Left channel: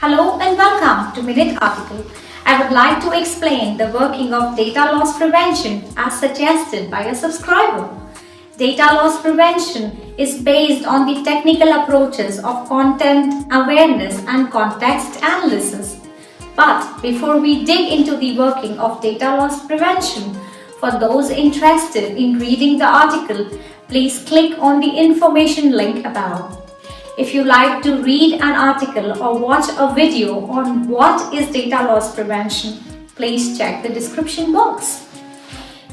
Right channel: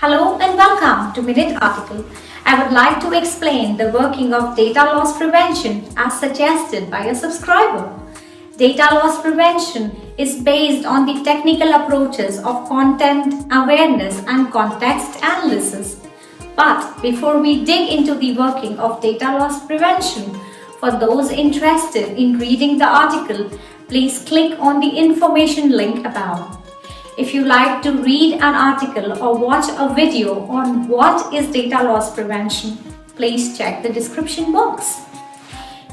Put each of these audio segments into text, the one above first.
Hello and welcome to Minute Article. I would like to explain the working of data loss prevention as suggested by a subscriber. Data loss prevention is based on the technical approaches of content awareness and context analysis. But before we dig into the working of data loss prevention, for those interested in reading the article, please click on the information link above. If you like to read an article or watch a video on what is data loss prevention, please check the description box.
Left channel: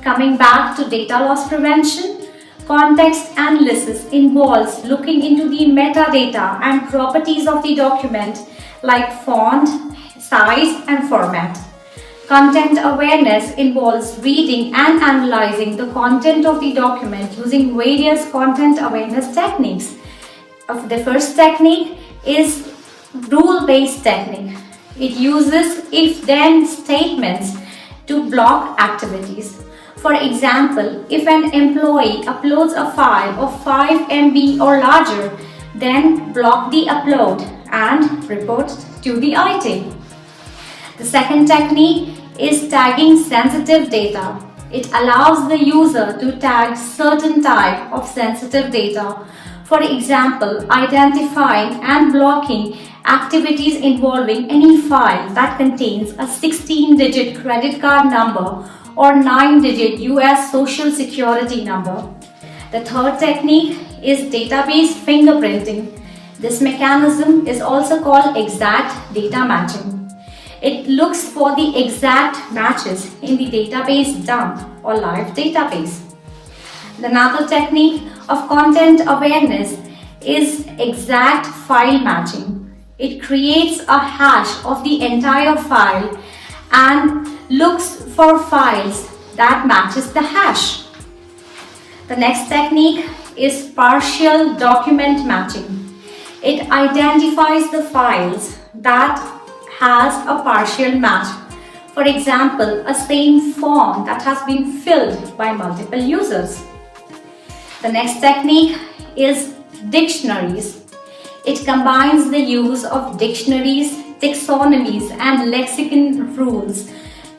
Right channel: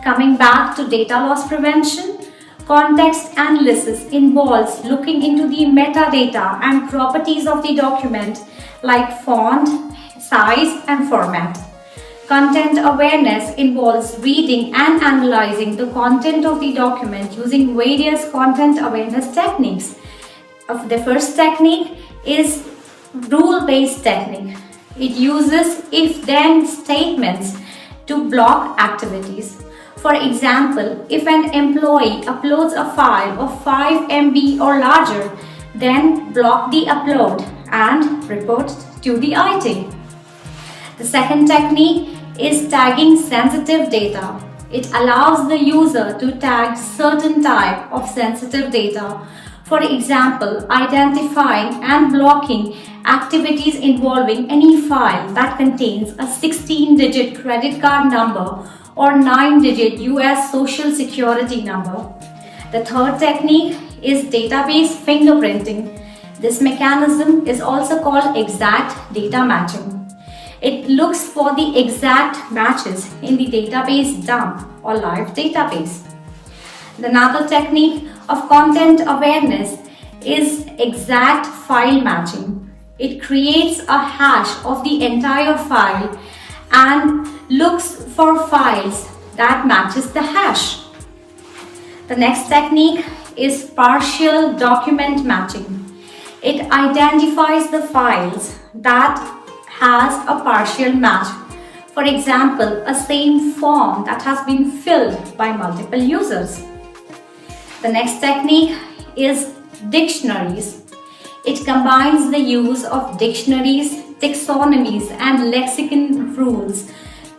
Coming back to data loss prevention, context analysis involves looking into the metadata and properties of the document like font, size, and format. Content awareness involves reading and analyzing the content of the document using various content awareness techniques. The first technique is rule-based technique. It uses if-then statements to block activities. For example, if an employee uploads a file of 5 MB or larger, then block the upload and report to the IT. The second technique is tagging sensitive data. It allows the user to tag certain type of sensitive data. For example, identifying and blocking activities involving any file that contains a 16-digit credit card number or 9-digit US Social Security number. The third technique is database fingerprinting. This mechanism is also called exact data matching. It looks for the exact matches in the database dump or live database. Another technique of content awareness is exact file matching. It creates a hash of the entire file and looks for files that matches the hash. The next technique is partial document matching. It identifies the files that has a partial match. For example, a same form that has been filled by multiple users. The next technique is dictionaries. It combines the use of dictionaries, taxonomies, and lexicon rules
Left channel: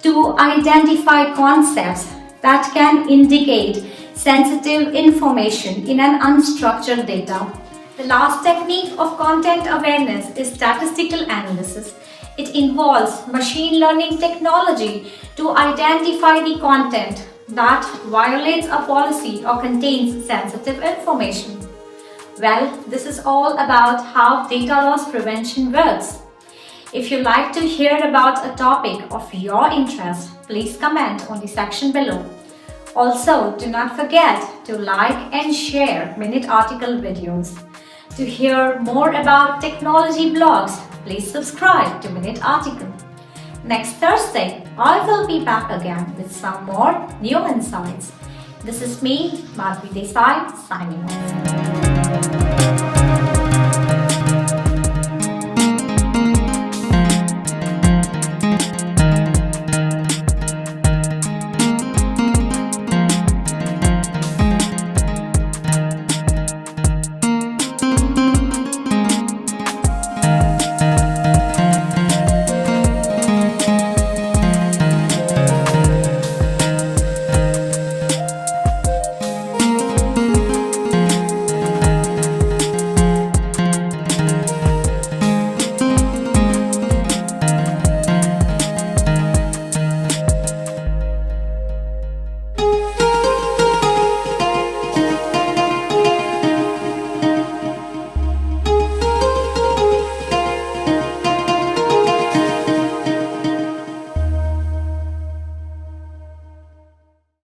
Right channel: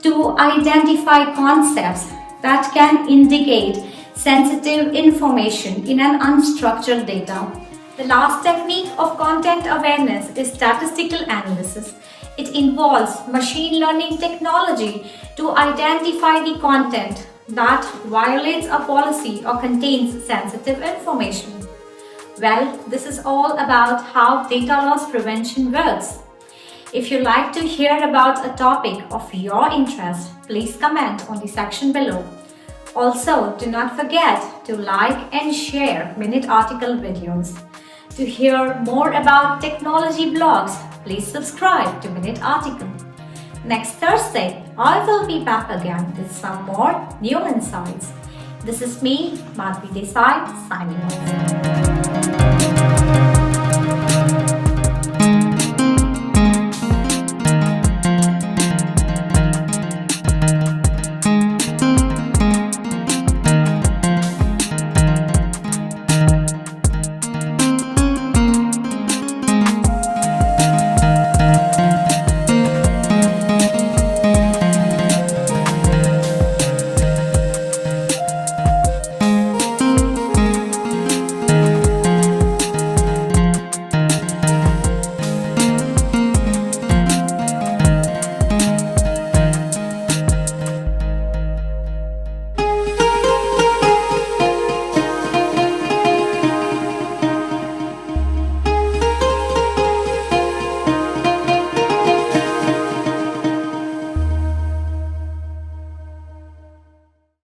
to identify concepts that can indicate sensitive information in an unstructured data. The last technique of content awareness is statistical analysis. It involves machine learning technology to identify the content that violates a policy or contains sensitive information. Well, this is all about how data loss prevention works. If you like to hear about a topic of your interest, please comment on the section below. Also, do not forget to like and share Minute Article videos. To hear more about technology blogs, please subscribe to Minute Article. Next Thursday, I will be back again with some more new insights. This is me, Madhvi Desai, signing off.